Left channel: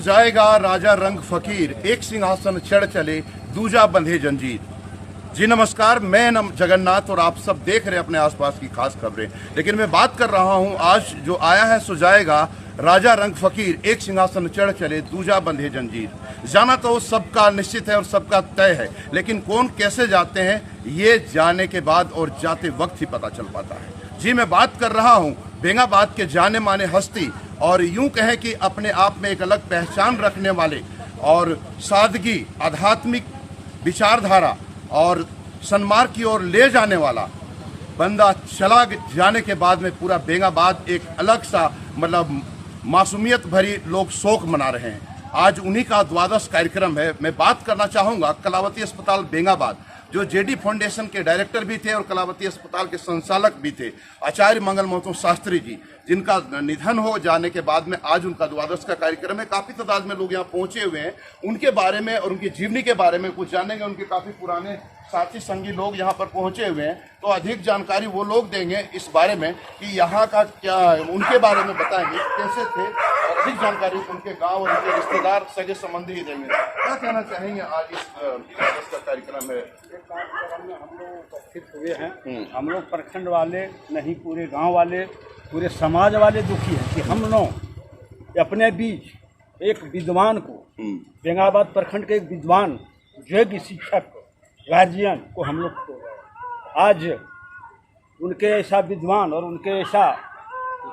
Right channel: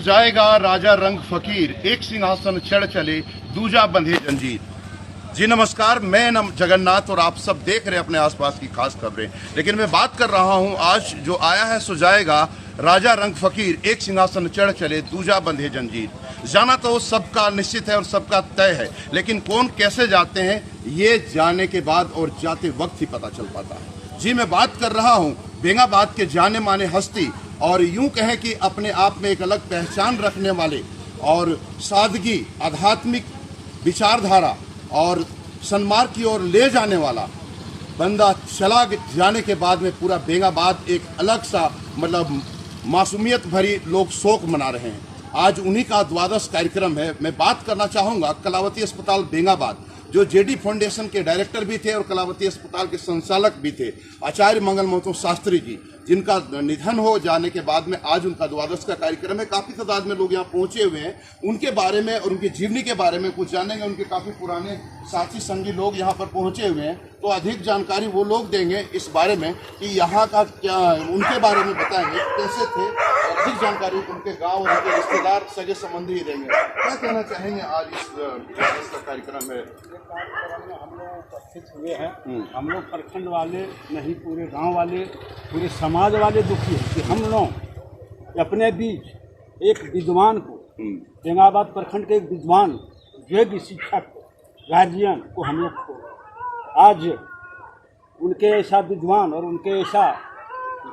सुजाएगा राजा रंग फकीर, एक सिंहासन चढ़ चले दूजा बंधे जंजीर। जी नमस्कार, मैं जगन्नाथ और आप सब देख रहे हैं अपने आसपास की खास खबरें। लेकिन मैं बात कर रहा हूं आज जो आया है सुजाएगा राजा रंग फकीर, एक सिंहासन चढ़ चले दूजा बंधे जंजीर। जाना तो सबका निश्चित है और सबका तय है, लेकिन कौन कैसे जाते हैं ये जाने के बाद और जाते वक्त ही पता चल पाता है। जी मैं बात कर रहा हूं बेंगाबाद के जाने माने हस्ती और यूं कहें कि अपने आप में एक अलग पहचान रखने वाले और सादगी, आध्यात्मिक विचारधारा और सन्मार्ग की ओर ले जाने वाला बंदा चला जाने के बाद में पूरा बेंगाबाद एक अलग सा मतलब मासूमियत भरी लोग शोक मना रहे हैं। आज उन्हीं का द्वादश कार्यक्रम है। मैं बात करना चाहूंगा कलावती अस्पताल बेंगाबाद, जो जेडी फाउंडेशन के डायरेक्टर भी थे और कलावती अस्पताल के संचालक भी थे, आचार्य मंगल महतो शास्त्री जी, जिनका निधन हो जाने के बाद में आज उनका द्वादश का कार्यक्रम है। काफी तादाद में लोग यहाँ पहुंचे हुए हैं। उनके बारे में और उनकी जीवनी के बारे में कुछ जानेंगे। उनके काफी पुराने साथी संगी लोग यहाँ पर पहुंचे हुए हैं, तो अधिक जानकारी वो लोग देंगे इस बारे में कि यहाँ का क्या, उनके बारे में बताएंगे कैसे थे, और अधिक जानकारी उनके गाँव और उनके रिश्तेदार सगे संबंधी ही देंगे। क्या कहना चाहेंगे आज इस द्वादश का कार्यक्रम में? कार्यक्रम में हम लोग उपस्थित हुए हैं। हम लोग प्रखंड वाले नहीं, पूरे गांव वाले, पूरे समाज वाले दुखी हैं कि हम लोग अपने बीच एक विद्वान को, बेंगाबाद प्रखंड के एक विद्वान, योग्य शिक्षक, गार्जियन को हम लोग को आज उनके ऐसा विद्वान और उनके ऐसा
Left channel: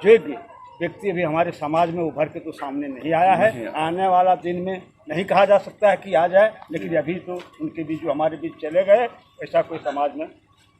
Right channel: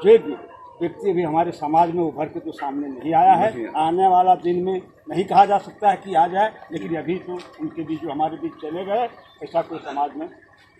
योग्य व्यक्ति भी हमारे समाज में उभर के तो सामने नहीं आया है। आने वाला दिन में नहीं कहा जा सकता है कि आ जाए, लेकिन अभी तो उनके बीच जो हमारे बीच चले गए, ऐसा कोई समाज में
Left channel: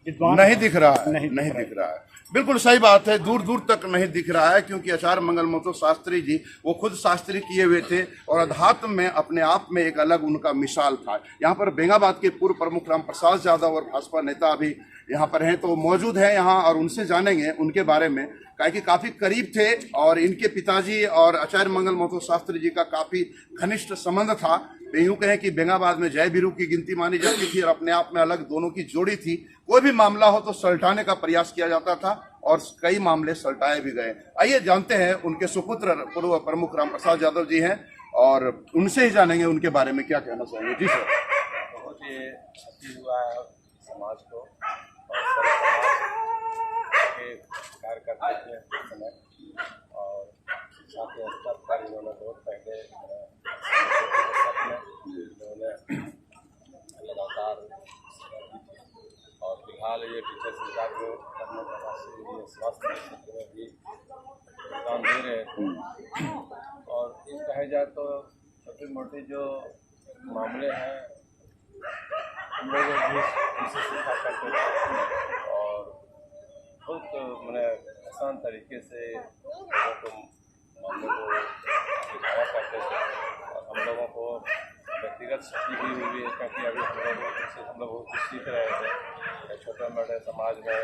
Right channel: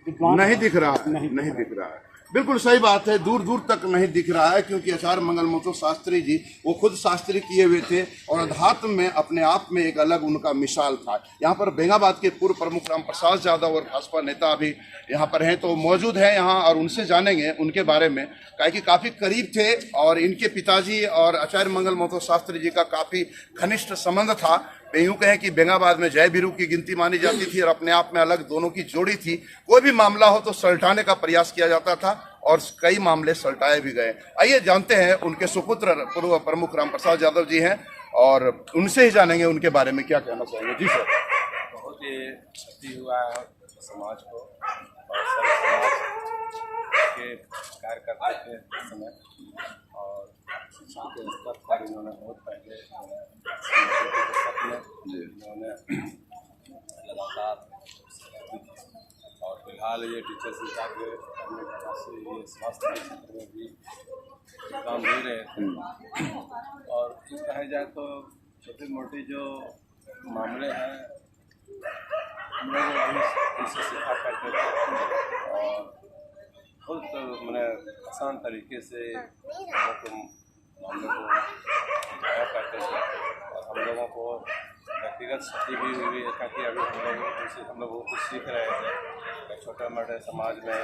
विद्वान नहीं दिख रहा है। नहीं दिख रहा है। बिल्कुल सही बात है, दूर दूर तक नहीं दिख रहा है, क्योंकि आचार्य मंगल महतो शास्त्री जी वो खुद शास्त्री किए हुए थे और अध्यात्म में अपने आप में एक अलग उनका मिसाल था। यहाँ पर बेंगाबाद के पूर्व प्रमुख राम प्रसाद यादव और भाजपा नेता भी यहाँ पर हैं, तो मौजूद हैं यहाँ और उनसे जानेंगे उनके बारे में, कि काफ़ी करीब थे और इनके पिताजी और आचार्य मंगल महतो शास्त्री जी का काफ़ी घनिष्ठ संबंध था। यूँ कहें कि बेंगाबाद में जय वीरू की गिनती मानी जाती थी और अपने आप में अलग दोनों की जोड़ी थी। कोई भी मामला हो तो सलटाने का प्रयास किया जाता था और कई मामले सलटाए भी गए। आइए जानते हैं, उनके सुपुत्र पूर्व प्रमुख राम प्रसाद यादव जी हैं और उनसे ही जानेंगे उनके बारे में क्या कहना चाहेंगे। जी सर। बहुत ही क्षति हुआ है समाज को, और सभी समाज के कार्य करते थे उस समय, और शिक्षा के स्तर पर इन्होंने बहुत पहले इन्होंने लगातार, और फिलहाल ये टीचर शिक्षा के करने के बाद से ये स्वास्थ्य के क्षेत्र में भी योगदान दे रहे थे। और ये कहा जाए तो छोटी मोटी जो मामले हैं हम लोग भी उनसे सीखा करते थे और बहुत मैंने आसान तरीके से लोगों को मामले को बुझाया करते थे। और हम लोगों को व्यक्तिगत क्षति भी हुई है, क्योंकि अभी हम लोग कुछ सीख रहे थे। छोटे मोटे समाज में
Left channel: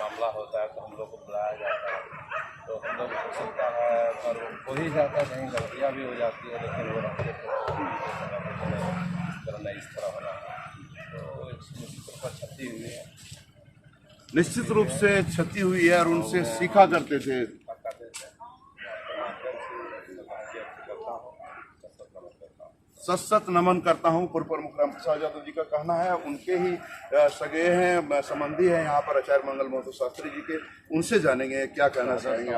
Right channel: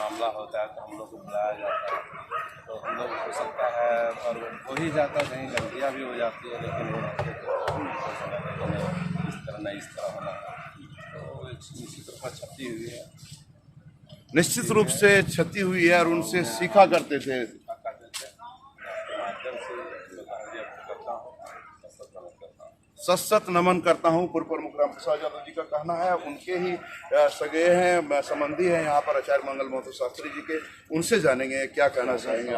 मामला होता है तो हम लोग को बुलाया जाता है, तो हम लोग हो सकता है और हो ही जाता है, कहीं गलतियाँ भी हो जाती है, लेकिन वो रहते तो इस तरह नहीं, इस तरह होना है। तो निश्चित रूप से क्षति हुई है, निश्चित रूप से क्षति हुई है और उनसे सीखा करते थे। आपके माध्यम से करता हूँ, सशक्त नमन करता हूँ। पूर्व प्रमुख राम प्रसाद यादव जी का कहना है, उनके ही सगे हैं, संबंधी हैं यहाँ पर आचार्य मंगल महतो शास्त्री जी के। उनसे जानेंगे क्या कहना चाहेंगे।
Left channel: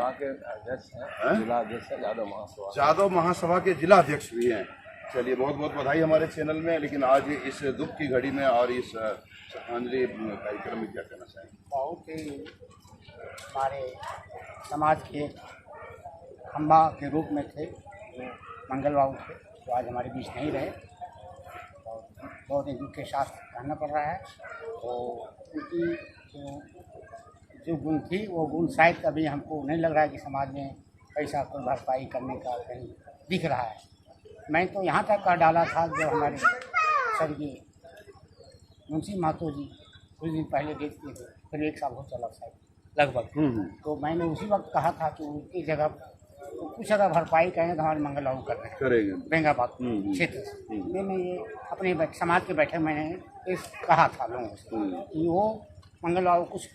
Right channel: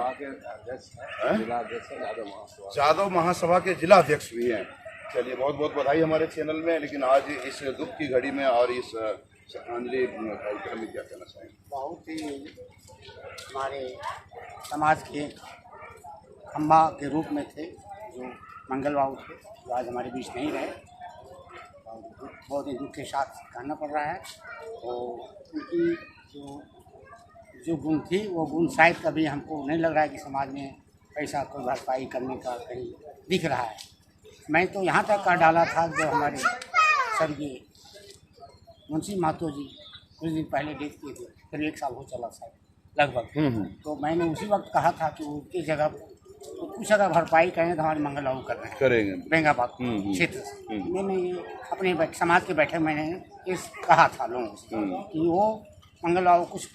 यादव महासभा के जिला अध्यक्ष भी हैं। चलिए, बहुत बहुत बधाई हमारे चैनल में। लेकिन आज इस दुख की घड़ी में और इस श्रद्धांजलि कार्यक्रम में क्या कहना चाहेंगे? बहुत ही हमारे समाज के खंबा के रूप में थे जो मंगल बाबू थे, जो आज हमारे बीच नहीं रहे। बहुत ही दुख के साथ कहना पड़ रहा है। और उनकी जो गुण थी वो गुण शायद कभी हमको नहीं लग रहा है कि समाज में ऐसा कोई भरपाई करने का कहीं दिख रहा है। मैं तो यहाँ तक कह डाला था जब हमारे स्वर्गीय मुंशी महतो जी कुछ दिन पहले डेथ किए थे, फिर 1 साल हो चला शायद लगभग, तो मैंने उसी वक्त कहा था कि उनकी जगह तो कुछ अगर भरपाई करें तो हमारे मंगल बाबू कर रहे हैं करेंगे बेंगाबाद क्षेत्र से। मैंने ये अपने समाज के बैठक में इस कहा था लोगों से कि वो मंगल बाबू कुछ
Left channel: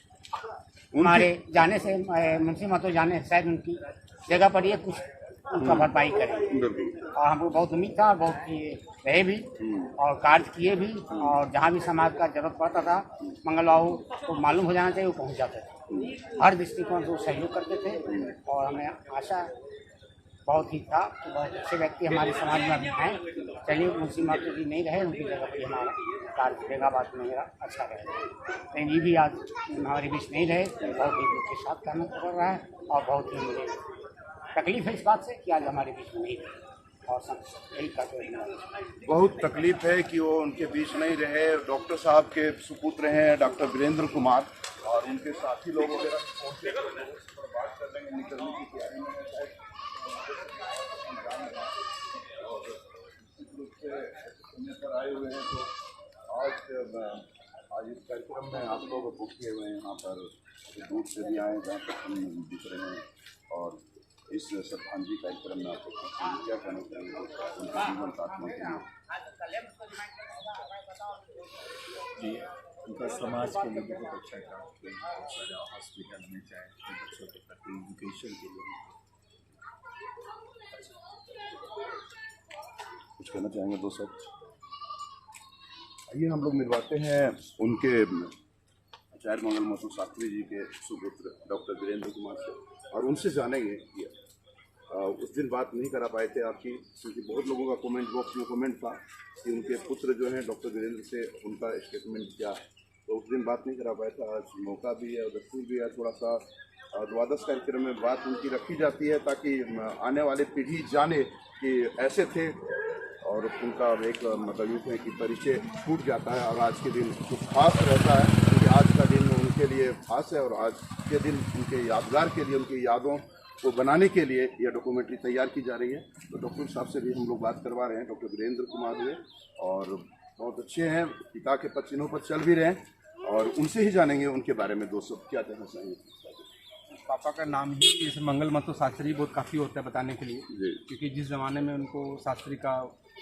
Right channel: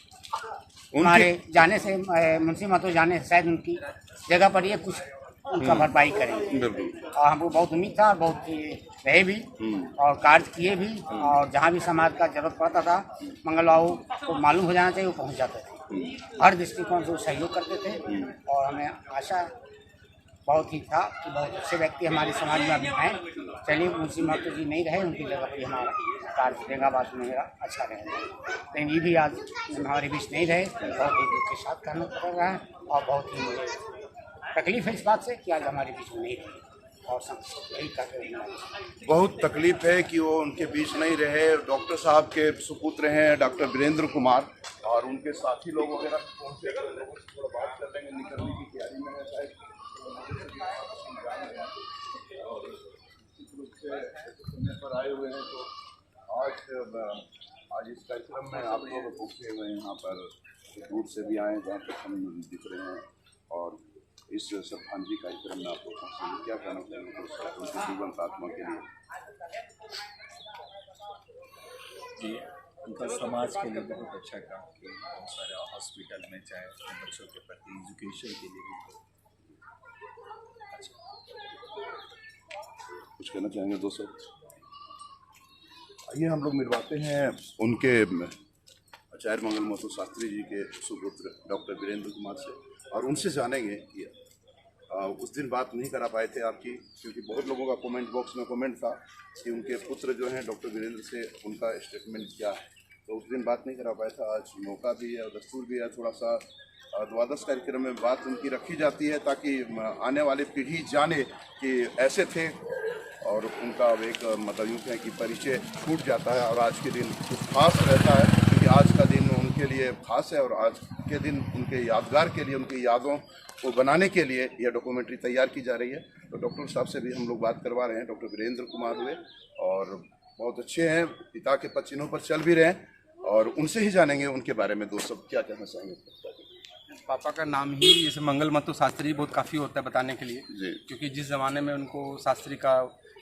हमारे जाने से, मुंशी महतो जाने से शायद उनकी जगह पर ये कुछ उनका भरपाई करेंगे। बिल्कुल। और हमको बहुत उम्मीद था, बहुत ये रहे भी और कार्य किए भी, और जहाँ भी समाज का जरूरत पड़ता था मंगल बाबू को मालूम हो जाना चाहिए, वो पहुँच जाते थे। हर दृष्टिकोण से वो सहयोग करते थे और हमें आशा बहुत ही था कि बहुत अच्छे व्यक्ति हमारे समाज में अभी हैं। चलिए, मुंशी महतो जी नहीं रहे, उनकी जगह पर हमारा कार्य बेंगाबाद में मेरा अच्छा रहेगा। लेकिन ये भी आज हमारे बीच नहीं रहे, बहुत ही दुख के साथ कहना पड़ रहा है और बहुत ही मुझे तकलीफ है इस बात से कि आज हमारे बीच में नहीं रहे। और यही कहते हैं, बहुत तकलीफ है कि वो उनके बीच नहीं रहे। डॉक्टर साहब के सुपुत्र हैं डॉक्टर वीरेंद्र कुमार, और उनके साथी लोग वगैरह पहुँचे, तो लोगों से थोड़ा बात कर लेंगे। निकलने की तैयारी में है शायद, और निश्चित रूप से ऐसे समय पर आए हुए हैं। तो आज इस कार्यक्रम में आप लोग पहुँचे हुए हैं यहाँ पर, दूर से भी आए जहाँ तक हम दिख रहे हैं, और इस श्रद्धांजलि कार्यक्रम में आप लोग पहुँचे, क्या कहना चाहेंगे दोस्तों उनके जीवंत आत्मा के लिए? जी, उनका समाज के लिए बहुत अच्छा काम किया, बहुत सारे हॉस्पिटल में, चाहे अपने बच्चों के प्रति एजुकेशन के लिए भी। कुछ कहना चाहेंगे दोस्तों? आइए हम लोग मिलवाते हैं उनके आचार्य मंगल महतो शास्त्री जी के सुपुत्र डॉक्टर वीरेंद्र कुमार से, और उनसे जानेंगे कि उस दिन बात नहीं करा पाए थे आपकी, क्योंकि बहुत लोगों का कमेंट बॉक्स में कमेंट था कि उनके पुत्र जो हैं डॉक्टर वीरेंद्र से उनका स्टेटमेंट क्या है, तो उस दिन बात नहीं करा पाया था। आज मौका भी है और दस्तूर भी है, थोड़ा सा द्वादश कार्यक्रम में बात उनकी रखी जाती है ताकि आने वाली पीढ़ी जाने कि ऐसे थे, और उनका एक मतलब यूँ कहें कि परिचय छूट जाता है और आज के दिन कुछ खास रहता है, क्योंकि आज का दिन उनके लिए खास है और आज के दिन उनके यादगार के लिए, उनकी यादों को बनाने के लिए यह डॉक्यूमेंट्री तैयार की जा रही है। तो डॉक्टर साहब से भी हम लोग बात करवा रहे हैं। डॉक्टर वीरेंद्र कुमार हुए और बहुत अच्छे हैं, पिता के पद चिन्हों पर चल भी रहे हैं, और उनसे ही जानेंगे उनके बारे में दोस्तों क्या कहना चाहेंगे। पापा का नाम ही जैसे मंगल महतो शास्त्री बहुत काफ़ी होता है बताने के लिए जी। क्योंकि जिस ज़माने में उनको शास्त्री का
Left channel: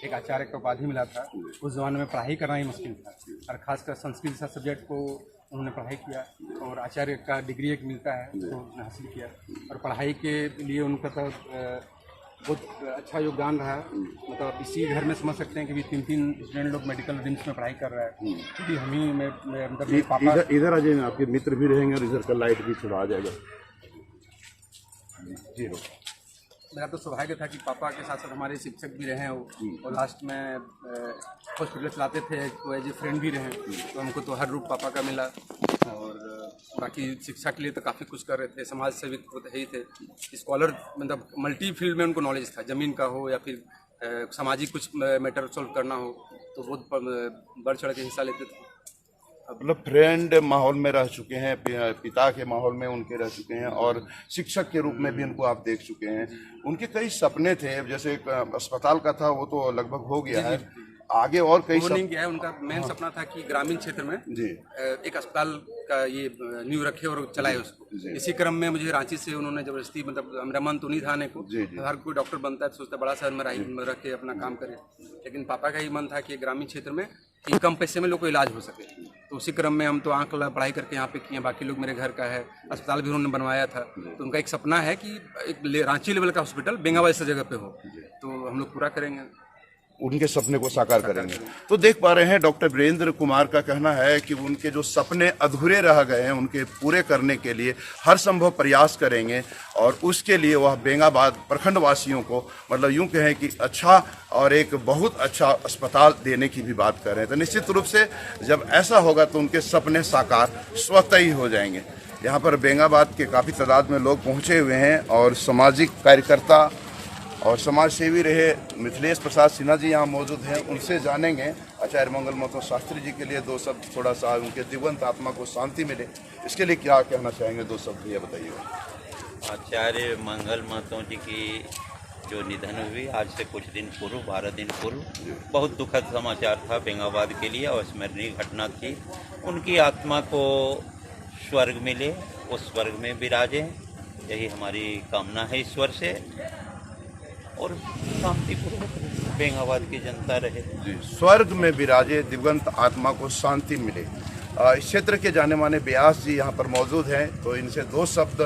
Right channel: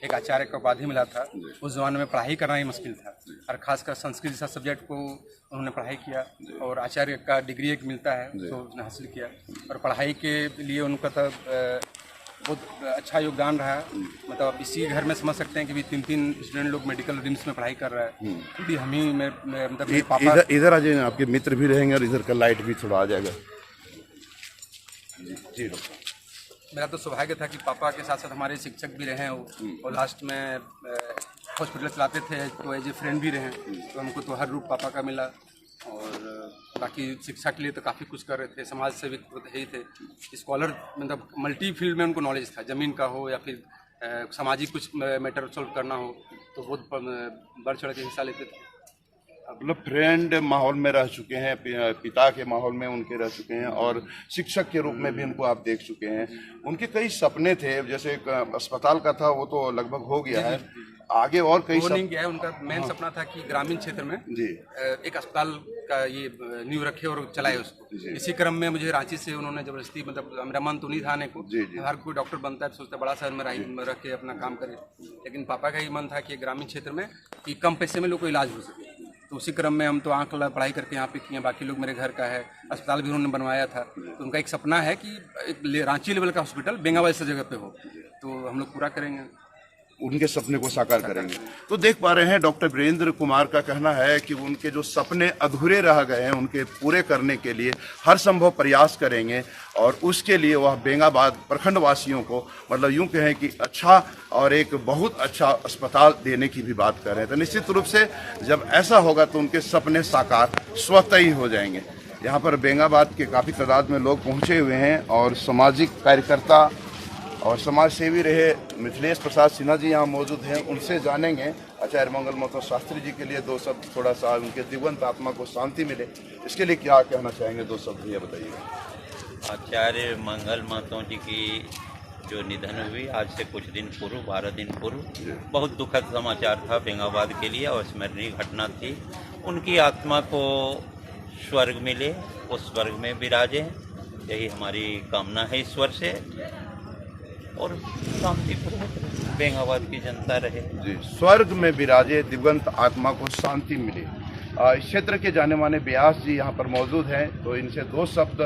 एक आचार्य का उपाधि मिला था, उस ज़माने में पढ़ाई करना ही मुश्किल था, और ख़ासकर संस्कृत जैसा सब्जेक्ट को उन्होंने पढ़ाई किया, और आचार्य का डिग्री एक मिलता है तो उन्होंने हासिल किया, और पढ़ाई के लिए उनका तो बहुत अच्छा योगदान रहा। मतलब आप इसी घर में समझ सकते हैं कि भी 3 स्टूडेंट लोग मेडिकल ड्रीम्स में पढ़ाई कर रहा है। यदि हम ही मतलब मेरे पापा इधर आ जाइए, आपके मित्र भी रहेंगे और इधर का लाइट भी थोड़ा आ जाएगा। जी मेरा तो सौभाग्य था कि पापा के साथ साथ हमारे शिक्षक भी रहे हैं, और लास्ट में हॉस्पिटल चलाते थे तो एज ए फ्रेंड भी रहे, तो हमको तो हर रूप पापा का मिला। और बाकी शिक्षा के लिए तो काफ़ी कुछ कर रहे थे, समाज सेवी तो है ही थे, स्कॉलर मतलब मल्टी फील्ड में उनको नॉलेज था, ज़मीन का हो या फिर सामाजिक कुछ मैटर सॉल्व करना हो तो बहुत बढ़ चढ़ के हिस्सा लेते थे। मतलब फ्रेंड माहौल में रह चुके हैं, पिता के माहौल में उनके रह चुके हैं, और शिक्षक के रूप में भी उनको आप देख चुके हैं। उनके कई सपने थे, जैसे एक अस्पताल का था वो तो लगभग हो गया है, आगे और कई वो नहीं गया है। उनका मेन सपना था कि ग्रामीण क्षेत्र में एक अस्पताल का ये नींव रखे और चलाए उसको। इसी क्रम में मुझे रांची से उन्होंने जबरदस्ती, मतलब मेरा मन तो नहीं था आने को, हर कोई डॉक्टर बनता है तो सोचता बड़ा शहर में रख के अपना काम करे, लेकिन पापा का ही मन था कि ग्रामीण क्षेत्र में कि कम पैसे में लोग को इलाज हो सके। तो उसी क्रम में हम तो आँख पढ़ाई करके यहाँ पे किए, बाकी लोग मेरे घर का है, अस्पताल भी उन्होंने बनवाया था। तो उनका एक सपना है कि एक रांची लेवल का हॉस्पिटल बेंगाबाद जैसा जगह पे हो, तो हम लोग पूरा करेंगे, उनके सपने को साकार करेंगे। तो देख पा रहे हैं डॉक्टर वीरेंद्र कुमार का कहना है कि उनके जो सपने अधूरे रह गए हैं उनके पूरे करने के लिए हर संभव प्रयास करेंगे, और उसके लिए वह बेंगाबाद प्रखंड वासियों को मतलब यूं कहें कि अच्छा और एक बहुत अच्छा अस्पताल देने की भी बात कर रहे हैं। तो निश्चित रूप से जब ऐसा होगा तो उनके सपने साकार स्वतः ही हो जाएंगे। यहाँ पर बेंगाबाद के काफ़ी तादाद में लोग पहुँचे हुए हैं, और सामाजिक कार्यकर्ता और समाज सेवी रहे मिथिलेश प्रसाद सिन्हा जी यहाँ मौजूद हैं, उनसे जानेंगे आचार्य मंगल महतो शास्त्री जी के लिए दो शब्द, थोड़ा सा उनके दिवंत आत्मा को शांति मिले, इसके लिए क्या कहना चाहेंगे, दो शब्द ये बताइएगा। आचार्य मंगल महतो जी की जो निधन हुई आज से कुछ दिन पूर्व, 12 दिन पूर्व, बहुत दुखद समाचार था बेंगाबाद के लिए और स्मरणीय घटना थी। उनकी आत्मा को स्वर्ग मिले, उस स्वर्ग में विराजे, यही हमारी कामना है ईश्वर से, और शांतिपूर्वक बेंगाबाद की जनता रहे। स्वर्ग में विराजे, दिवंत आत्मा को शांति मिले। इस क्षेत्र के जाने माने व्यास जी यहाँ पर मौजूद हैं, तो इनसे दो शब्द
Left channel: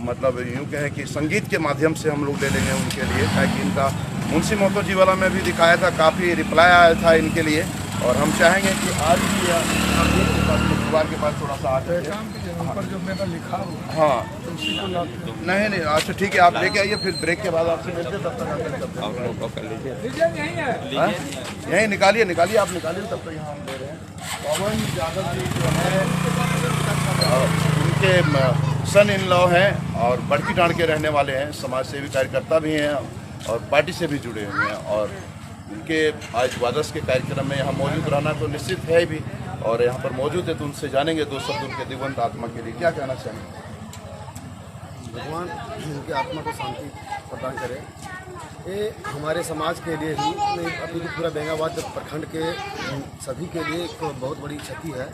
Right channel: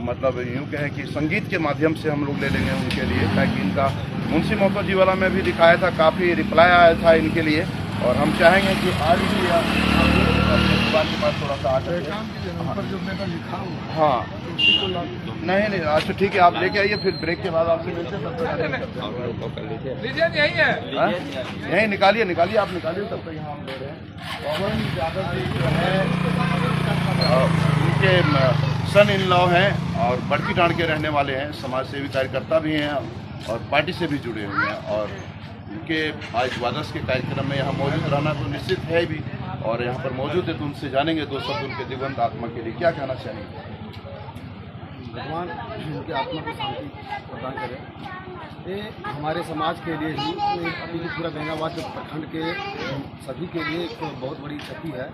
मतलब यूँ कहें कि संगीत के माध्यम से हम लोग ले लेंगे उनके लिए, ताकि इनका मुंशी मोहतो जी वाला में भी दिखाया था, काफ़ी रिप्लाई आया था इनके लिए। और हम चाहेंगे कि आज भी आप गेट के पास में दुकान के पास थोड़ा सा आ जाए। हाँ नहीं नहीं, अच्छा ठीक है, आप लेके आइए, फिर ब्रेक के बाद आपसे मिलते हैं, तब तक अटेंड करते हैं। यहीं निकालिए निकालिए, आप निकालिए, तब तक यहाँ हम ले रहे हैं। पवन यादव जी जो है उनके सन इन लॉ हैं और बड़की डांड के रहने वाले हैं, समाज सेवी कार्यकर्ता भी हैं और पार्टी से भी जुड़े हुए हैं। और उनके आज द्वादश के कार्यक्रम में यहाँ मौजूद रहना तो निश्चित है भी, और यहाँ पर मौजूद है तो उनसे जानेंगे दो शब्द उनके दिवंगत आत्मा के लिए क्या कहना चाहेंगे। भगवान उनकी आत्मा को शांति प्रदान करे। ये हमारे समाज के लिए ही नहीं, अभी की पूरा बेंगाबाद प्रखंड के सभी के लिए एक बहुत बड़ी क्षति है।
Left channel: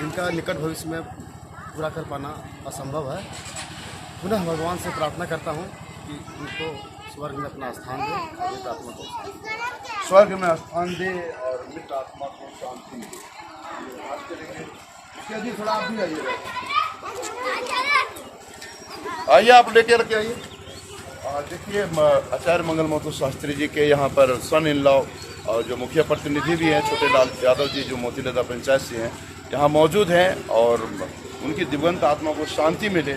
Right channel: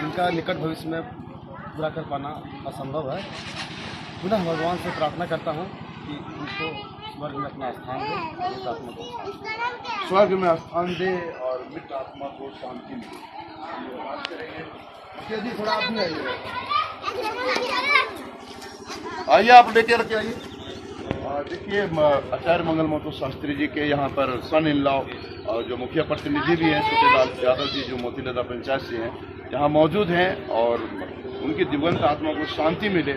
इनका निकट भविष्य में पूरा कर पाना असंभव है। पुनः भगवान से प्रार्थना करता हूँ कि उनको स्वर्ग में अपना स्थान दे, मृत आत्मा को स्वर्ग में स्थान दे और मृत आत्मा को शांति मिले। बात करेंगे जी, थोड़ा आप भी आइएगा, आइए आप लेके रखे आइए। देखिए आचार्य मंगल मोहतो शास्त्री जी के यहाँ पर सन इन लॉ और जो मुखिया प्रतिनिधि भी हैं छोटे लाल यादव जी, जो मोतीलेदा पंचायत से हैं, यहाँ मौजूद हैं और उनकी दिवंगत आत्मा को शांति मिले,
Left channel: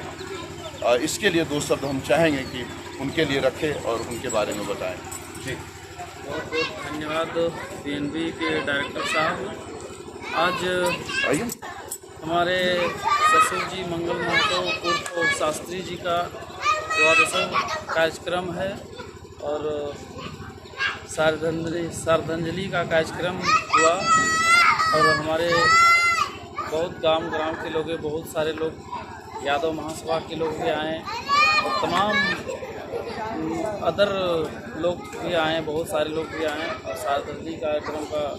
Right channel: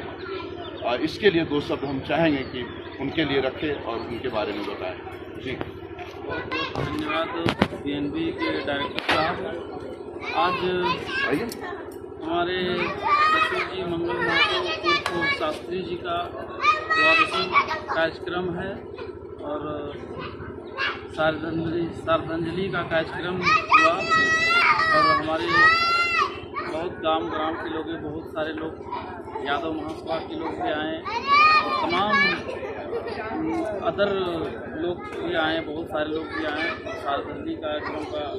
इसके लिए दो शब्द हम चाहेंगे कि उनके लिए रखें और उनके बारे में बताएं। जी बहुत बहुत धन्यवाद बीएनबी के डायरेक्टर साहब। आज आइए। हमारे ससुर जी मंगल महतो उर्फ शास्त्री जी का द्वादशों कार्यक्रम है और श्रद्धांजलि का कार्यक्रम हुआ और हमारे बहुत ग्राम के लोग, बहुत सारे लोग यादव महासभा के लोग भी आए और तमाम अदर लोग भी आए, बहुत सारे लोग भी आए और श्रद्धांजलि कार्यक्रम का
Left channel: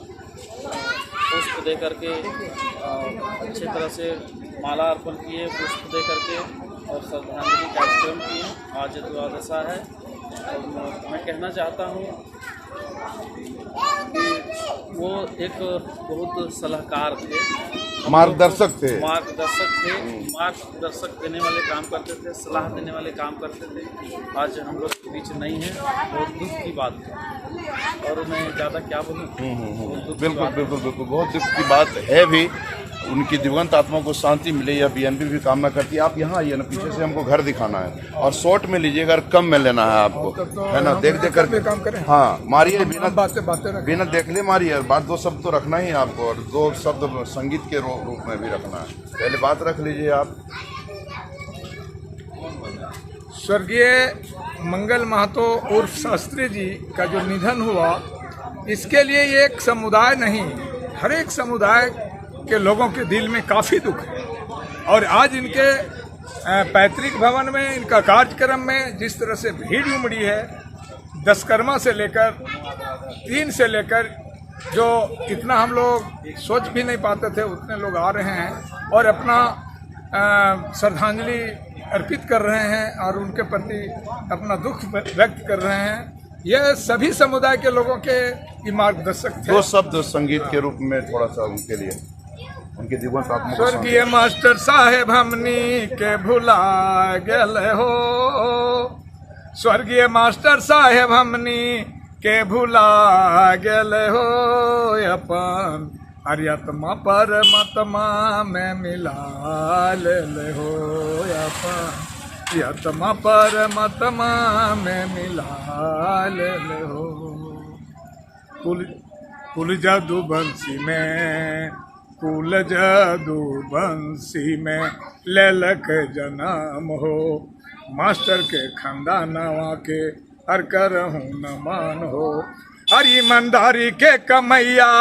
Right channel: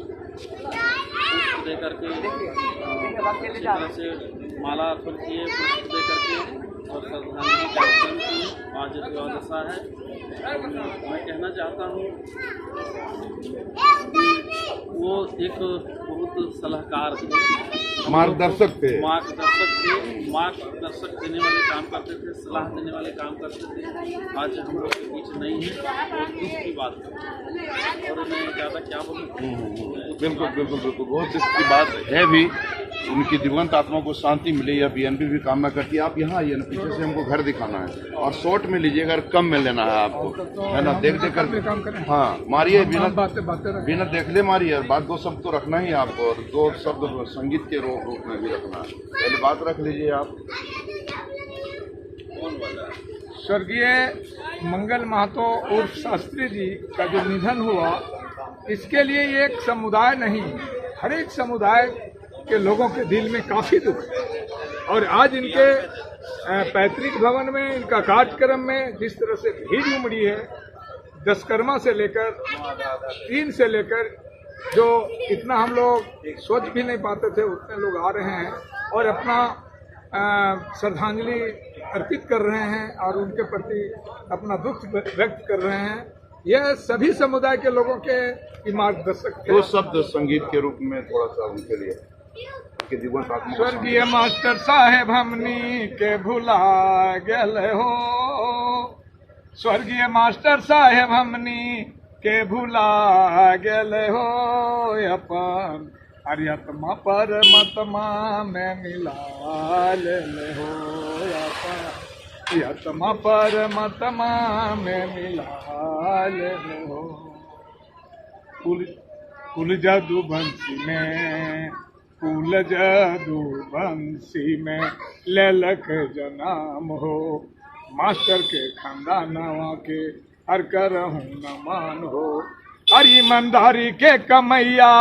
पुष्प दे करके अच्छी तरह से माला अर्पण किए, पुष्प दे करके और श्रद्धांजलि कार्यक्रम किए। आज द्वादशा है और मैं कहना चाहता हूँ कि वो एक बहुत सलाहकार थे, मार्गदर्शक थे, मार्गदर्शक देने वाले काम करते थे, सलाह देने वाले काम करते थे। आज हम लोग के बीच नहीं है, बहुत दुख की बात है और मैं ज़्यादा क्या बोलूँ। बिल्कुल बिल्कुल बिल्कुल, बहुत दुख की बात है भी। उनकी दिवंगत आत्मा को शांति मिले, या बीएनपी भी कामना करती है। आप यहाँ आइए ना, पीछे से हमको घर दिखाना है और शॉर्ट में लीजिए, अगर कम में लेना है आपको, है ना, देख देख करके। हाँ मारिए, बिना देख ले मारिए, बात दो शब्द तो रखना ही आपको, और दो शब्द संगीत के रूप में भी रखना है। पहले बात रख लीजिए आप। स्वर्गीय मंगल महतो उर्फ शास्त्री जी का जो निधन हुआ, इसके लिए एक समुदाय नहीं, हर एक समुदाय के लोगों के दिल में काफ़ी दुख है। और आज इनके पैतृक भवन में इनका कार्यक्रम में जिस तरह से भीड़ उमड़ी है, दशकर्मा से लेकर 3 से लेकर जो इतना हम लोग सोच भी नहीं पाते थे, उतने लोग आ रहे हैं और अपना श्रद्धांजलि अर्पित कर रहे हैं और उनके प्रति अपना दुख व्यक्त कर रहे हैं। यह सभी समुदाय के लोगों के मार्गदर्शक थे। दो शब्द संगीत के रूप में थोड़ा सा उनके लिए, उनके दिवस आत्मा को। स्वर्गीय मास्टर साहेब हमनी के भुला गए हो, स्वर्गीय मास्टर साहेब हमनी के भुला गए हो, अपन अरियतमा परमात्मा में मिला ले हो, अपन यतमा परमात्मा में मिला ले हो। कुल जादू बंसी में, कुल जादू बंसी में ललक जनाम हो, मास्टर के खानदानवा के हर करहूँ न मान हो। हर ईमानदारी के कमैया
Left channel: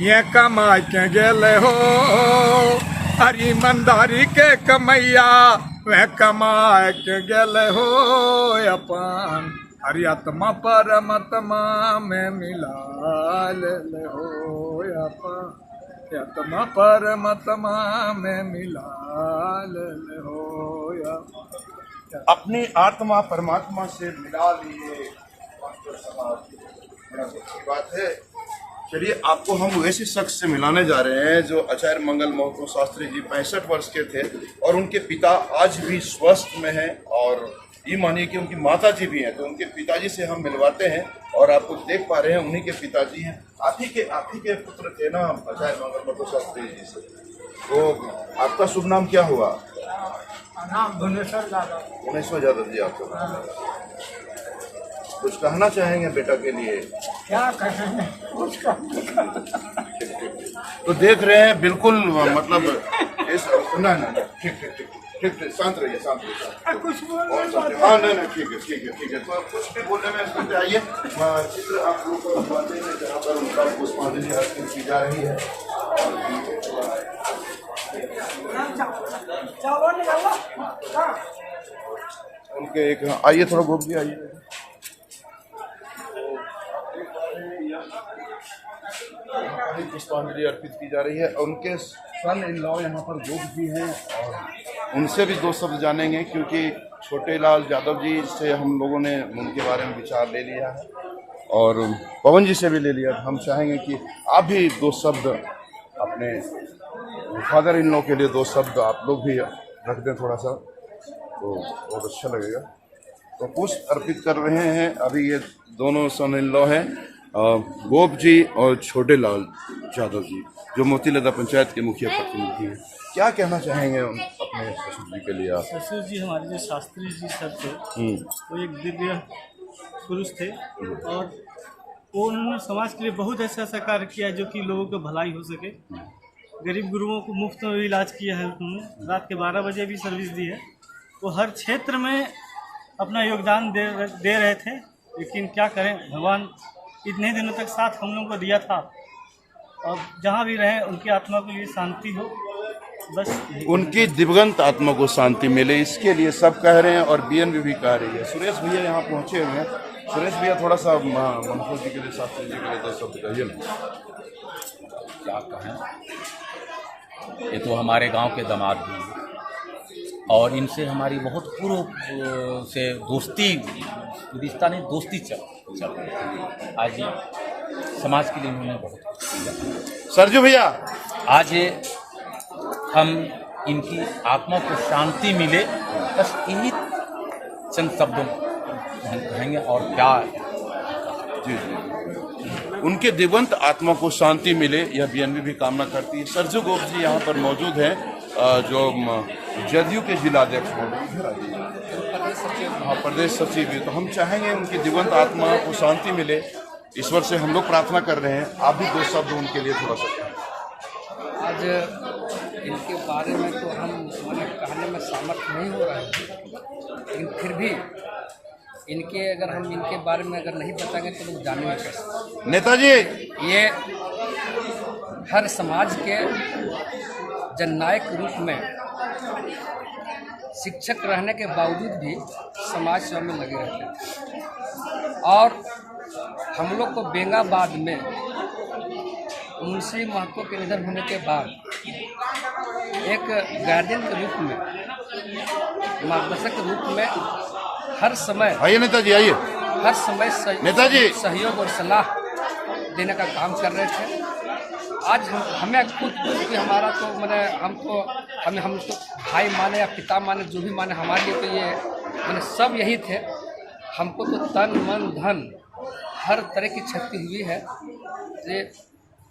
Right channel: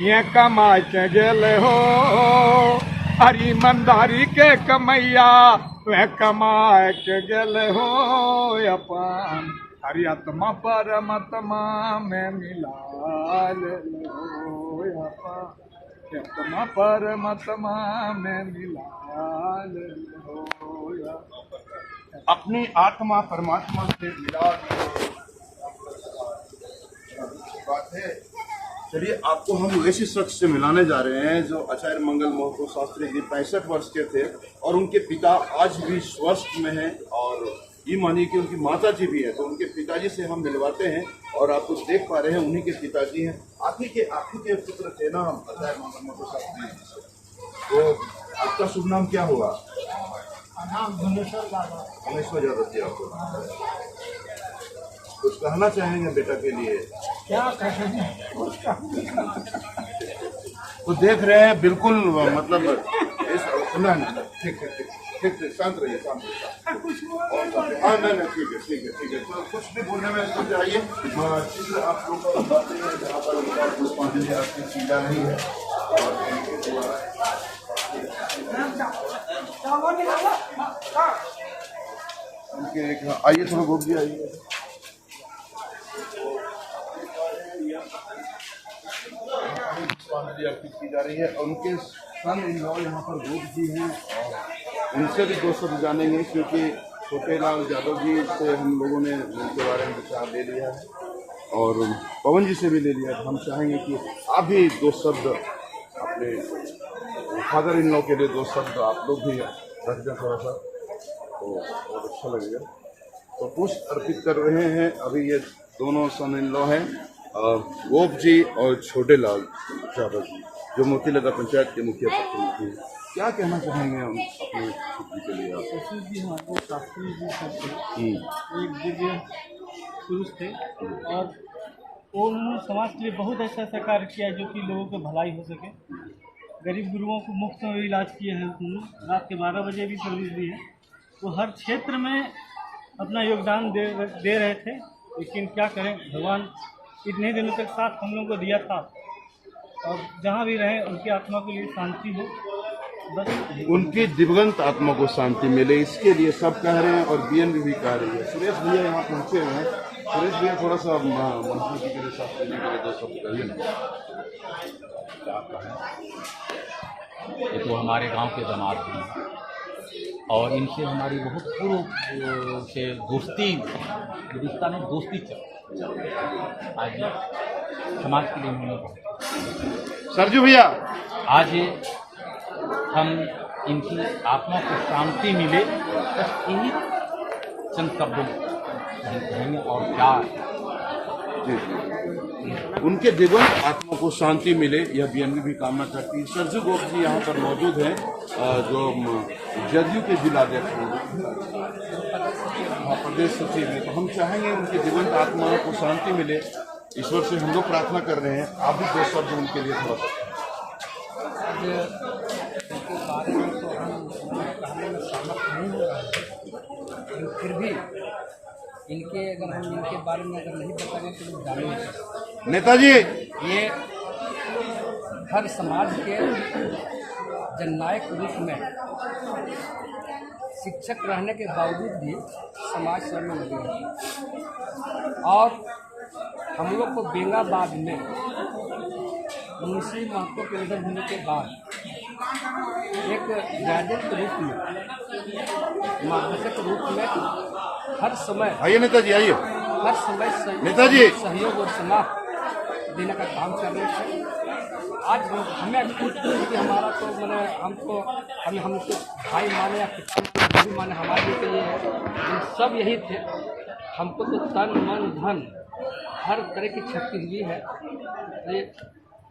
ये कमा के गेले हो, हर ईमानदारी के कमैया वह कमा के गेले हो, अपन हर आत्मा परमात्मा में मिला ले हो, अपन आत्मा परमात्मा में मिला ले हो। अपनी आत्मा परमात्मा से मिला लिए, बड़ा दुख की बात है। चलिए, आपको हम वैसे शख्स से मिलाने जा रहे हैं जो आचार्य मंगल महतो शास्त्री जी 65 वर्ष के थे और उनके पिता आज भी स्वस्थ में हैं और ये मानिए कि उनकी माता जी भी हैं। तो उनके पिताजी से हम मिलवाते हैं और आप कुछ देख पा रहे हैं, उन्हीं के पिताजी हैं। आप ही के पुत्र थे ना आचार्य मंगल महतो शास्त्री जी से। तो आपका शुभ नाम क्या हुआ? नाम भुवनेश्वर यादव। भुवनेश्वर यादव जी। आपको कुछ कहना चाहेंगे बेटा के लिए? क्या कहेंगे, कुछ तो देख रहे हैं बिल्कुल, मतलब इस ना ठीक शांत रहिए, शांत रहिए। कुछ हाँ नहीं ठीक है। तो कुछ भी बोलने में इसमें आइए। चित्र आप लोग को बताते हैं जहाँ पर उनका पुष्पांजलि अर्पित की जा रही है। उनके एक आइए, थोड़ा घूम जी, आइए। पुष्पांजलि अर्पित की जा रही है। उनके सन इन लॉ यहाँ पर गोप जी हैं और उनसे भी दो शब्द जानेंगे, क्योंकि छोटे लाल यादव जी से हम लोगों ने उनके बारे में विचार ले लिया है और पवन जी से भी ले लिया। हम चाहेंगे कि आप भी दो शब्द अपने फादर इन लॉ के लिए दो शब्द आप लोग भी रख दें थोड़ा सा, तो बहुत अच्छा लगेगा। तो पुष्प अर्पित कर रहे हैं अभी ये दोनों सन इन लॉ हैं, गोप जी और छोटे लाल यादव जी, जो मोतीलदा पंचायत के मुखिया प्रतिनिधि हैं। क्या कहना चाहेंगे अपने ससुर जी के लिए आप? ससुर जी हमारे जो शास्त्री जी सर थे वो एक दिव्य पुरुष थे और वो उन्होंने समाज के लिए बहुत ऐसा कार्य किया जो कि लोगों की भलाई हो सके। गरीब गुरुओं को मुफ्त में इलाज किया है उन्होंने, रात के 12 बजे भी सर्विस दी है। वो हर क्षेत्र में अपना योगदान दे रहे थे, लेकिन क्या करें, भगवान इतने दिनों तक साथ हम लोगों को दिया था और जहाँ भी रहें उनकी आत्मा के लिए शांति हो, बस उनकी दिवंगत आत्मा को शांति मिले, इसके लिए सब कह रहे हैं और बीएनबी भी कह रही है। सुरेश भैया यहाँ पहुँचे हुए हैं। सुरेश भैया थोड़ा सा मंगल जी के लिए, शास्त्री जी के लिए दो शब्द कहिए ना। क्या कहें, ये तो हमारे गांव के दामाद भी हैं और इनसे हमारी बहुत पूर्व से दोस्ती, रिश्ता नहीं दोस्ती चल रही है। आज समाज के लिए इन्होंने बहुत सरजू भैया, आज हम इनकी आत्मा को शांति मिले, बस यही चंद शब्द कहेंगे और क्या। जी उनके दिवंगत आत्मा को शांति मिले, यह बीएनबी भी कामना करती है। सरजू गोप जी यहाँ पर मौजूद हैं, जो जदयू के जिलाध्यक्ष प्रदेश सचिव है। तो हम चाहेंगे उनकी दिवंगत आत्मा को शांति मिले, ईश्वर से हम लोग प्रार्थना कर रहे हैं। आप भी दो शब्द उनके लिए थोड़ा सा कहें। आज इनके बारे में तो हम मैंने कहने में सामर्थ्य नहीं हो रहा है, लेकिन फिर भी अगर हम इनके बारे में अगर नहीं बताएंगे तो लोग जानेंगे कैसे। नेताजी, ये हर समाज के जननायक रूप में शिक्षक रहने के बावजूद भी समाज सेवा में लगे रहते हैं और हम लोग को बेंगाबाद में मुंशी महतो के निधन होने के बाद एक गार्जियन के रूप में, मार्गदर्शक के रूप में हर समय, आइए नेताजी आइए, हर समय नेताजी सहयोग और सलाह देने का काम कर रहे थे। आज हमें खुद कि हमारा तो मैंने हम तो भाई माने या पिता माने, जो भी माने, हमारे लिए तो ये मैंने सब यही थे। हमको तो तन मन धन हर तरह की क्षति हुई है,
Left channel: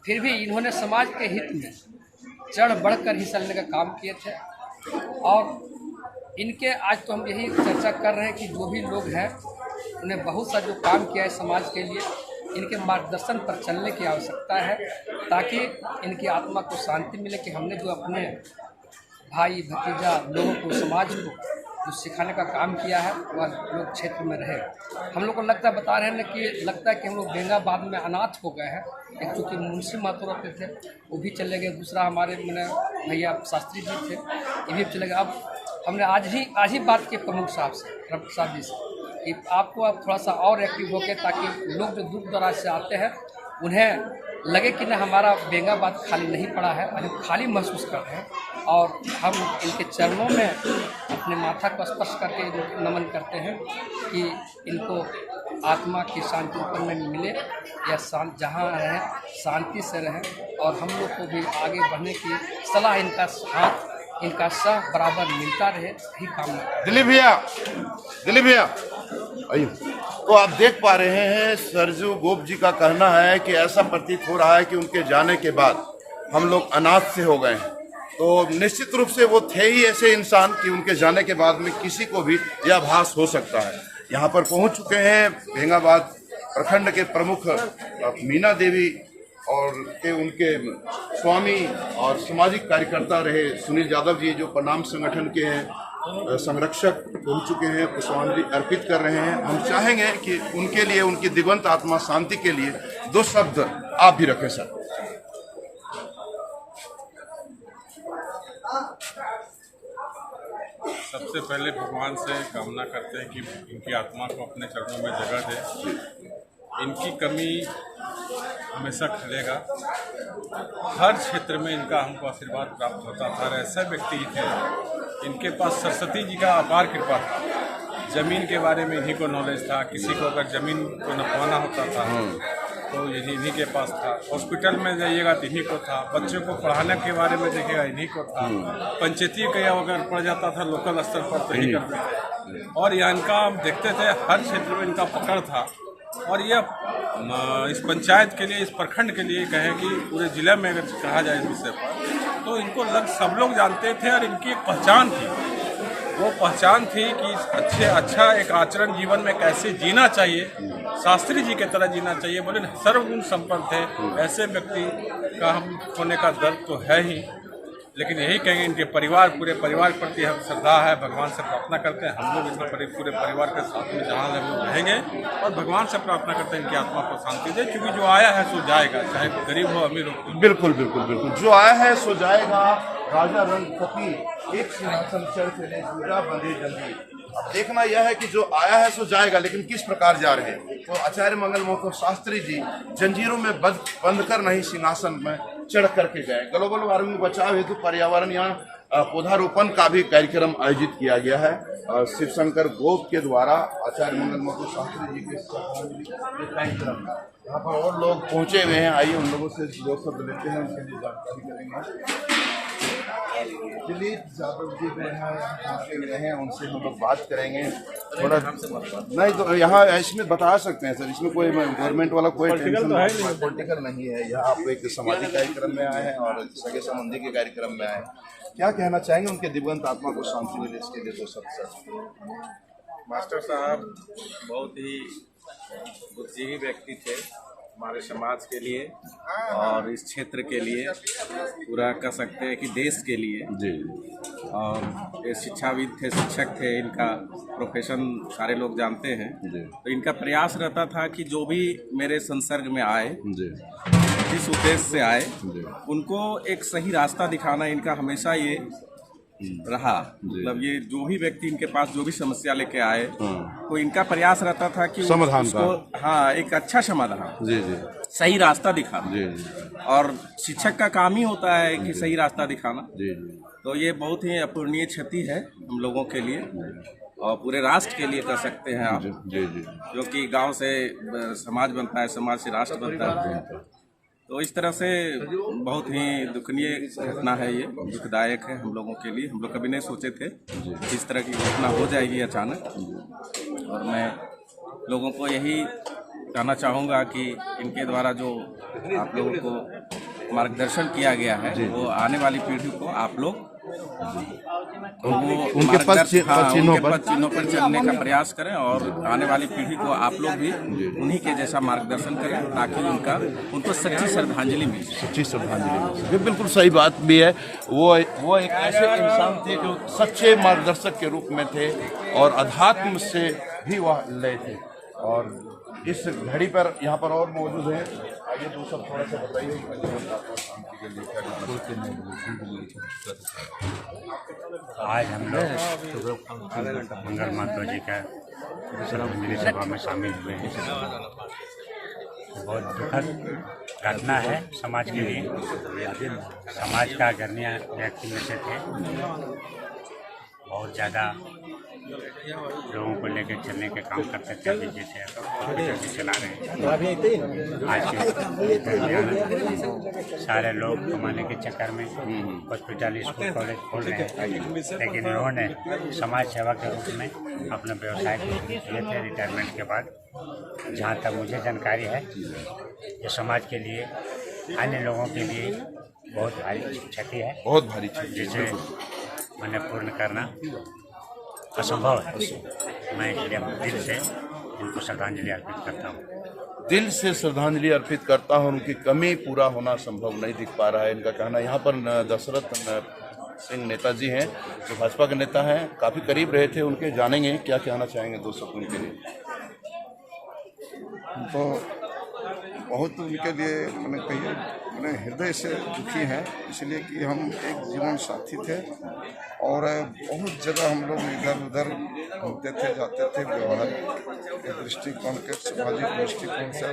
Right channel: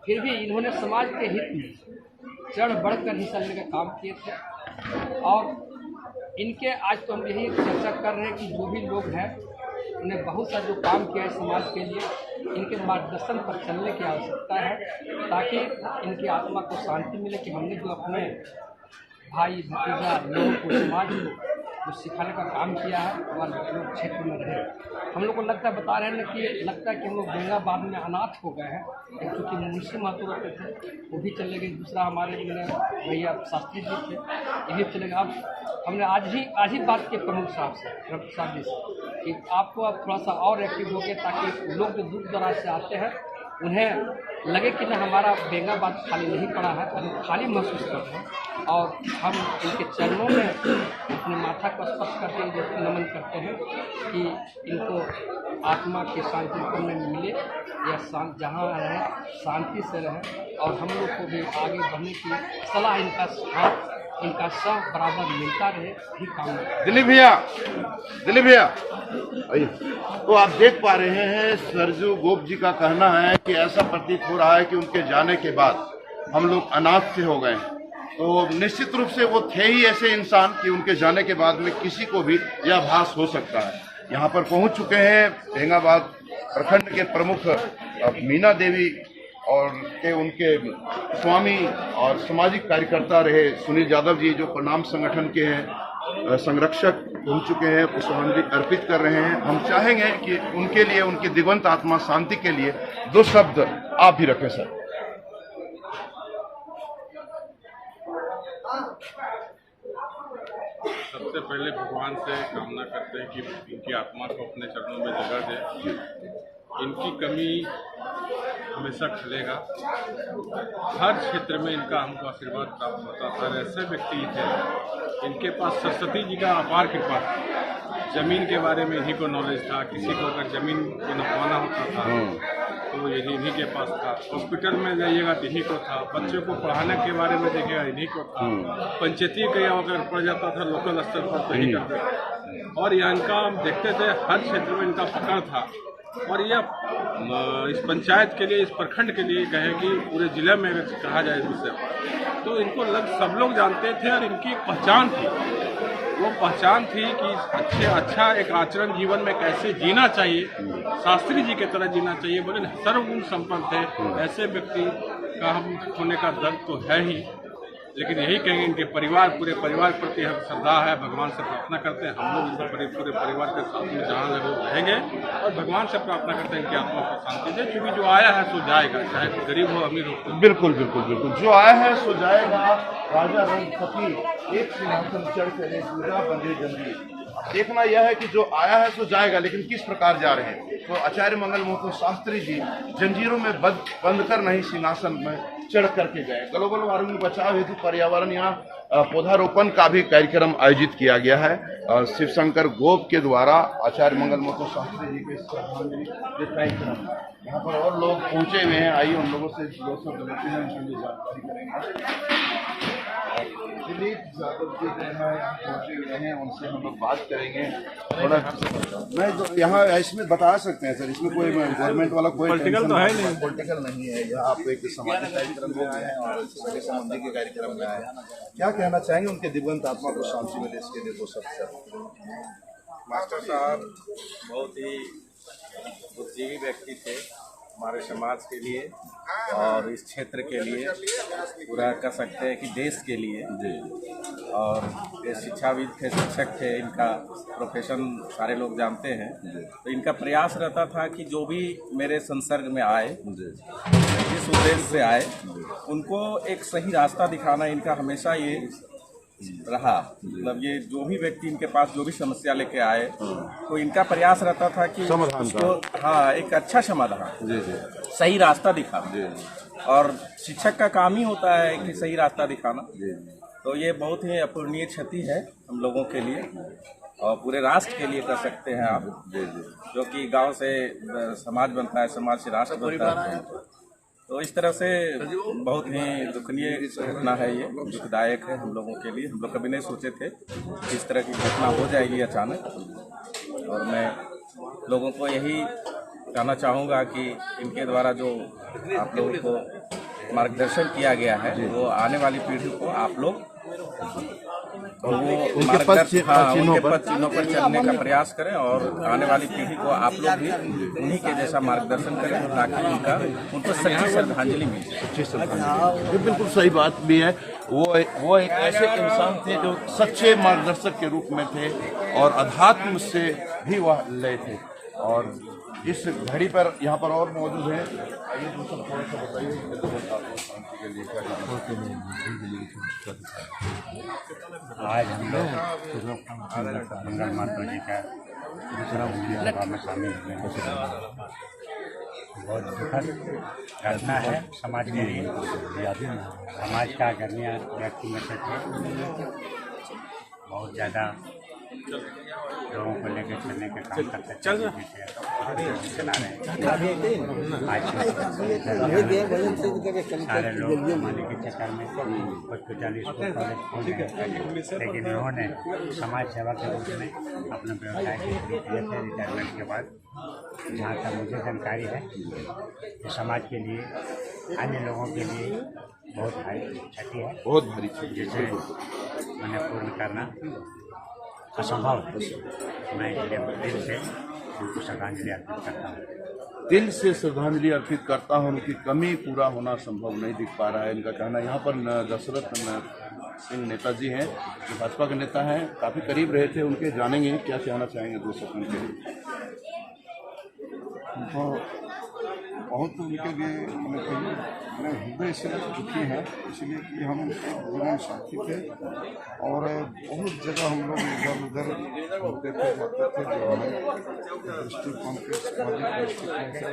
फिर भी इन्होंने समाज के हित में चढ़ बढ़कर हिस्सा लेने का काम किए थे और इनके आज तो हम यही चर्चा कर रहे हैं कि जो भी लोग हैं उन्हें बहुत सा जो काम किया है समाज के लिए, इनके मार्गदर्शन पर चलने की आवश्यकता है ताकि इनकी आत्मा को शांति मिले कि हमने जो अपने भाई भतीजा लोगों को, समाज को जो सिखाने का काम किया है वह लोग क्षेत्र में रहे। हम लोग को लगता है, बता रहे हैं कि लगता है कि हम लोग बेंगाबाद में अनाथ हो गए हैं। एक चूँकि मुंशी महतो रहते थे वो भी चले गए, दूसरा हमारे मैंने भैया शास्त्री जी थे ये भी चले गए। अब हमने आज ही बात की प्रमुख साहब से, प्रसाद जी से, कि आपको अब थोड़ा सा और एक्टिव हो गए ताकि लोग जो दूर दराज से आते हैं उन्हें लगे कि न हमारा बेंगाबाद खाली नहीं पड़ा है और हम खाली महसूस कर रहे हैं। और हम इनके चरणों में अपने माथा को स्पर्श करके जो नमन करते हैं कि इनको आत्मा की शांति ऊपर में मिले, या जहाँ रहें शांति से रहें, और हम लोग को भी आगे बढ़ने की सलाह इनका हाथ इनका साथ बराबर मिलता रहे, यही कामना। दिलीप भैया आइए। तो आप देख पा रहे हैं सरजू गोप जी का कहना है कि ऐसा प्रतीत हो रहा है कि उनके जाने के बाद हम लोग अनाथ से हो गए हैं। तो निश्चित रूप से वो थे ही ऐसे इंसान कि उनके जाने के बाद में किसी को भी यह आभास हो सकता है। यहाँ पर पहुँच चुके हैं बेंगाबाद प्रखंड के प्रमुख मीना देवी और के उनके स्वामी और सामाजिक कार्यकर्ता रहे सुनील यादव जी, जो प्रणाम संगठन के हैं संरक्षक बन चुके हैं, पुष्पांजलि अर्पित कर रहे हैं। हम चाहेंगे कि उनके लिए, उनकी दिवंत आत्मा शांति के लिए 2 शब्द आप भी रखें सर। सबसे पहले भगवान से कामना करते हैं कि इनकी आत्मा को अपने चरणों में जगह दे। इनकी कमी हमेशा खलेगा। हर क्षेत्र में इनका हमको आशीर्वाद प्राप्त होता था। ऐसे व्यक्ति थे, इनके पास सरस्वती जी का अपार कृपा था। जमीन के बारे में इन्हीं को नॉलेज था। किसी को अगर जमीन को नपवाना होता था तो यही इन्हीं के पास था। हॉस्पिटल में जाइएगा तो इन्हीं को था। बच्चों को पढ़ाने के बारे में देखिएगा इन्हीं को था। पंचायती का अगर पड़ जाता था लोकल स्तर पर तो यही करते थे। और यह इनका हम देखते थे हर क्षेत्र में इनका पकड़ था। और यह इस पंचायत के लिए, इस प्रखंड के लिए कहें कि पूरे जिले में अगर कहा जाए इस विषय पर, तो इनको सब लोग जानते थे और इनकी एक पहचान थी। वो पहचान थी कि अच्छा एक आचरण जीवन में कैसे जीना चाहिए, शास्त्री जी की तरह जीना चाहिए। बोले सर्वगुण संपन्न थे। ऐसे व्यक्ति का हम खोने का दर्द तो है ही, लेकिन यही कहेंगे इनके परिवार, पूरे परिवार प्रति हम श्रद्धा है। भगवान से प्रार्थना करते हैं हम लोग इनके पूरे परिवार के साथ में जहाँ लगे रहेंगे और भगवान से प्रार्थना करते हैं इनकी आत्मा को शांति दे, क्योंकि जो आया है सो जाएगा, चाहे गरीब हो अमीर हो। बिल्कुल बिल्कुल बिल्कुल, जो आया है सो जाएगा। राजा रंग फकीर एक सिंहासन चढ़ चले, पूजा बंधे जंजीर। अब देखना यह है कि जो आया है सो जाएगा, लेकिन किस प्रकार जा रहे हैं। तो आचार्य मंगल महतो शास्त्री जी जंजीरों में बंद कर नहीं सिंहासन में चढ़ करके गए। ग्लोबल वार्मिंग बचाव हेतु पर्यावरण यहाँ पौधारोपण का भी कार्यक्रम आयोजित किया गया है शिव शंकर गोप के द्वारा आचार्य मंगल महतो शास्त्री जी के श्रद्धांजलि कार्यक्रम। यहाँ पर और लोग पहुंचे हुए हैं, आइए उन लोगों से 2 शब्द लेते हैं, उनके लिए जानकारी करेंगे। दिलीप यादव जी जो है पहुँचे हुए हैं, उनसे हम लोग बात करेंगे थोड़ा। नहीं तो यहाँ इसमें बता सकते हैं सर, इसमें कोई गवर्नमेंट वाला कोई पॉलिटिकल नहीं है। यहाँ आप एक सामाजिक कार्यक्रम में आए हैं और सगे संबंधी के कार्यक्रम में आए हैं। क्या कहना चाहेंगे उनके दिवंत आत्मा को शांति मिले, इसके लिए 2 शब्द सर। मास्टर साहब बहुत ही बुद्धिजीवी व्यक्ति थे हमारे समाज के लिए और इस क्षेत्र के लिए, पूरा कह सकते हैं कि देश के लिए जी। और ये शिक्षाविद थे, शिक्षक थे, इनका प्रोफेशन सारे लोग जानते हैं जी। तो इनका प्रयास रहता था कि जो भी मेरे संसर्ग में आए जी, जिस उद्देश्य से आए उनको एक सही रास्ता दिखाना इनका हमेशा ये रहा। मतलब ये जो भी व्यक्ति इनके पास जो भी समस्या लेके आए तो इनका प्रयास रहता था कि उसको हाँ एक अच्छा समाधान जी जी, सही रास्ता दिखाना जी जी। और शिक्षक का काम ही होता है कि सही रास्ता दिखाना जी जी। तो ये बहुत ही अपूरणीय क्षति है हम लोगों के लिए और पूरे राष्ट्र के लिए कह सकते हैं आप जी जी। जो कि गांव से समाज बनता है, समाज से राष्ट्र बनता है। तो इस तरह से बहुत ही दुखनीय घटना है, ये दुखदायक है हम लोगों के लिए। हम लोग कभी नहीं सोचे थे इस तरह की घटना हो जाएगी अचानक। और मैं लोगों को यही कहना चाहूँगा कि इनके द्वारा जो आप लोगों को मार्गदर्शन किया गया है वो आने वाली पीढ़ी को आप लोग वो मार्गदर्शन उनके पद चिन्हों पर चलने का प्रयास करें और आने वाली पीढ़ी को आप लोग भी उन्हीं के जैसा मार्गदर्शन करें ताकि उनको सच्ची श्रद्धांजलि मिल जाए। सच्ची श्रद्धांजलि, ये बिल्कुल सही बात भी है। वो एक ऐसे इंसान थे जो सच्चे मार्गदर्शक के रूप में थे और अध्यात्म से भी वह लय थे। और इस घड़ी पर यहाँ पर और मौजूद हैं। आइए दूसरा थोड़ा सा बताइए शांति के लिए क्या करना। आज हम लोग मंगल महतो जी का श्रद्धांजलि सभा में शामिल हुए हैं। बहुत दुखद घटना है समाज के लिए। समाज का गणनीय व्यक्ति में से थे, बहुत ज़्यादा लोगों को लेकर चलने के काम करते थे, जैसे हॉस्पिटल भी चला रहे हैं। आज सारे लोग कमाने के चक्कर में हॉस्पिटल, स्कूल, कॉलेज खोल रहे हैं, लेकिन इन्होंने समाज सेवा के रूप में अपने व्यवसाय को शुरू किए थे रिटायरमेंट के बाद। जहाँ तक मुझे जानकारी है, ये समाज के लिए, अन्य लोगों के लिए बहुत भारी क्षति है, बहुत भारी क्षति, जिसे मैंने पूर्ण करना असंभव है। मैं इसलिए दिल से उनको श्रद्धांजलि अर्पित करता हूँ। दिल से श्रद्धांजलि अर्पित करता हूँ। उनकी कमी पूरा होना संभव नहीं दिख पा रहा है, इनका कहना। यहाँ पर दशरथ सिंह नेताजी हैं, जो भाजपा के नेता हैं, काफ़ी करीब रहे थे उनके, जानेंगे क्या कहना चाहेंगे 2 शब्द उनके लिए। तो बहुत उनके लिए मैंने कहिए मैंने हृदय से दुखी हैं, इसलिए कि हम एक जीवन साथी थे और बहुत जगह हम लोग इधर उधर घूमते थे, जाते थे। व्यवहारिक दृष्टिकोण के, सामाजिक दृष्टिकोण से,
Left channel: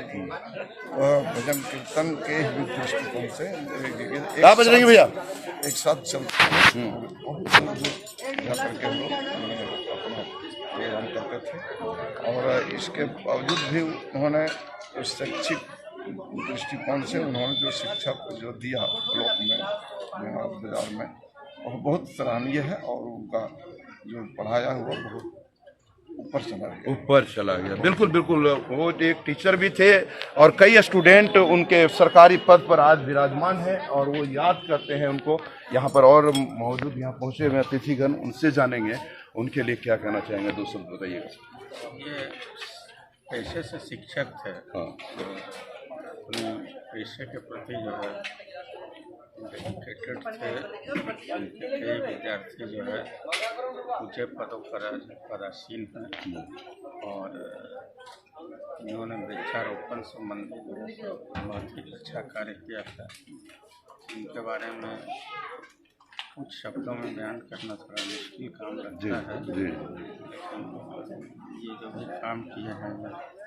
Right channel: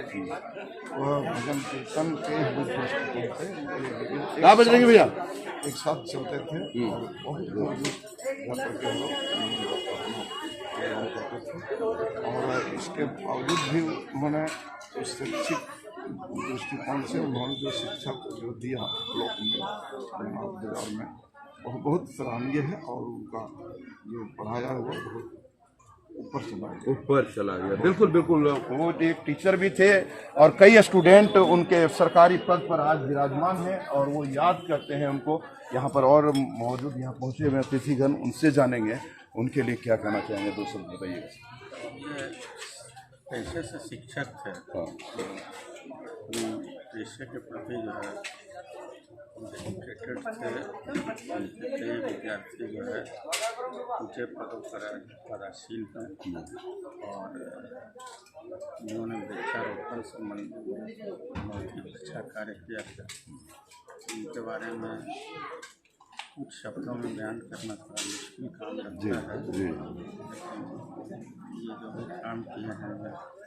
भजन कीर्तन के दृष्टिकोण से एक साथ चलते थे। बहुत दूर दूर जा करके हम लोग अपना प्रोग्राम करते थे और इसके बावजूद भी उन्होंने शैक्षिक दृष्टिकोण से उन्होंने जो शिक्षा जो दिया ब्लॉक में, बाजार में, वह बहुत सराहनीय है और उनका जो पढ़ाया हुआ बहुत ऊपर चला गया। बिल्कुल बिल्कुल, वो एक टीचर भी थे और कई स्टूडेंट उनके सरकारी पद पर आज विराजमान हैं और वो याद करते हैं उनको। यहाँ पर और मौजूद यहाँ पहुँचे हुए अतिथिगण, उनसे जानेंगे उनके लिए क्या कहना चाहेंगे। 2 शब्द बताइएगा। ये पेशे से शिक्षक थे, अपने पेशे के प्रति जो है डेडिकेटेड थे। उनके कई विद्यार्थी जो है ऊंचे पदों पर पदासीन हैं और इन्होंने वृक्षारोपण संबंधी जो है बहुत ही अच्छा कार्य किया था। इनके बारे में कुछ शब्दों में बयान करना थोड़ा मुश्किल काम लगता है, लेकिन ये जो भी काम किए हैं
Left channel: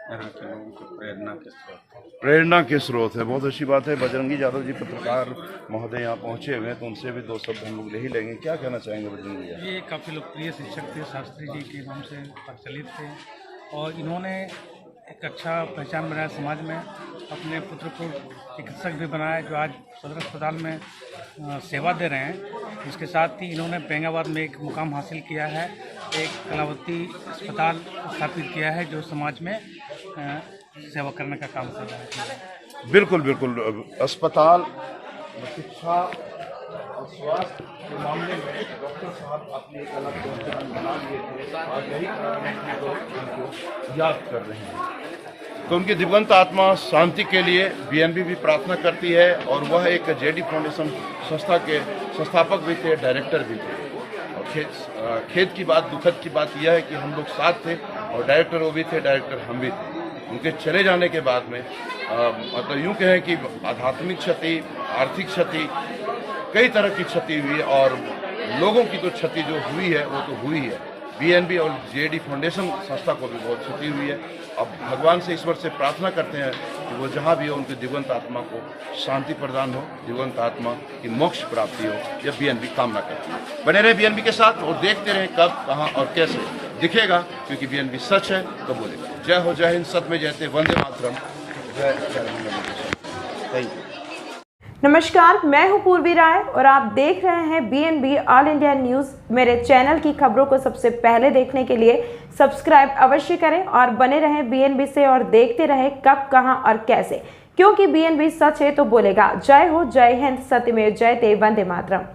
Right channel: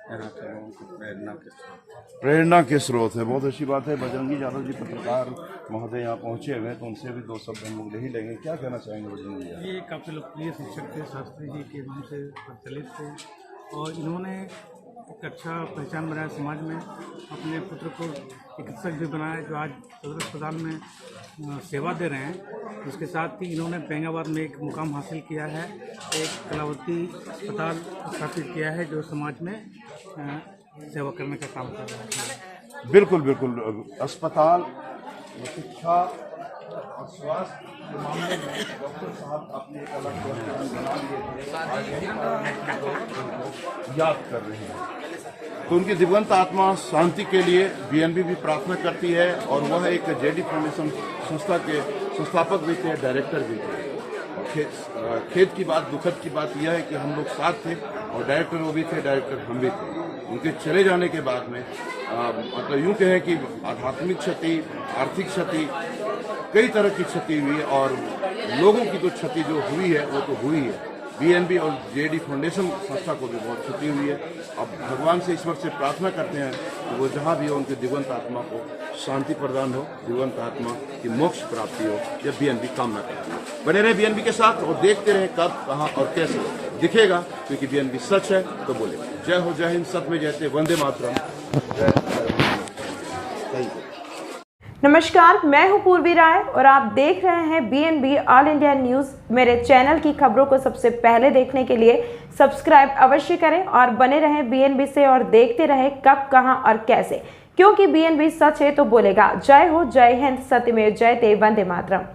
यहाँ के लोगों की प्रेरणा के स्रोत है। बहुत अच्छी बात है। बजरंगी यादव जी पत्रकार महोदय यहाँ पहुँचे हुए हैं, तो उनसे भी 2 शब्द हम लोग ले ही लेंगे। क्या कहना चाहेंगे बजरंगी यादव? ये काफ़ी लोकप्रिय शिक्षक थे, शास्त्री जी के नाम से प्रचलित थे और इन्होंने एक अच्छा पहचान बनाया समाज में। अपने पुत्र को चिकित्सक भी बनाया, जो आज सदर अस्पताल में सेवा दे रहे हैं। इसके साथ ही इन्होंने बेंगाबाद में एक मुकाम हासिल किया है, एक कलावती अस्पताल स्थापित किया है, जो समाज में सेवा करने का काम कर रहा है। बिल्कुल बिल्कुल, अस्पताल, शिक्षा और स्वास्थ्य के मामले में डॉक्टर साहब अपनी एक अलग पहचान बना लिए थे और यही कारण है कि लोग उनको याद कर रहे हैं। तो उनकी दिवंगत आत्मा शांति के लिए बीएनबी भी प्रार्थना करती है और वह एक जेडी फाउंडेशन संस्था के संस्थापक भी थे, डायरेक्टर भी थे। और खेद की बात, दुखद की बात यह है कि हम लोग साथ थे और डायरेक्टर वो भी थे, डायरेक्टर हम भी थे। उनके चले जाने के बाद में मतलब यूँ कहें कि आध्यात्मिक क्षति, आर्थिक क्षति, कई तरह की क्षति हुई और लोगों की तो क्षति जो हुई है वो तो हुई है। बीएनबी और जेडी फाउंडेशन संस्था को भी बहुत क्षति हुई है। अब भगवान से, ईश्वर से प्रार्थना करते हैं कि वो जहाँ भी हो उनकी दिवंगत आत्मा को शांति प्रदान हो, दिवंगत आत्मा की मोक्ष प्राप्ति हो, यह बीएनबी कामना करती है। बने रहे बीएनबी के साथ और देखते रहें कब, कहाँ और कैसे दिखेगा, क्योंकि बीएनबी सच है तो बोलेगा। जय हो, जय हिंद, सत्य में जयते, वंदे मातरम, जय थैंक यू। नमस्कार, मैं हूं पूर्वी राय और आप देख रहे हैं बीएनबी ऑल इंडिया न्यूज़। मेरे चैनल की खबरों को सबसे पहले देखने के लिए सब्सक्राइब अवश्य करें और बने रहें बीएनबी से और देखते रहें कब, कहां और कैसे, क्योंकि बीएनबी सच है तो बोलेगा। जय हो, जय हिंद, सत्यमेव जयते, वंदे मातरम।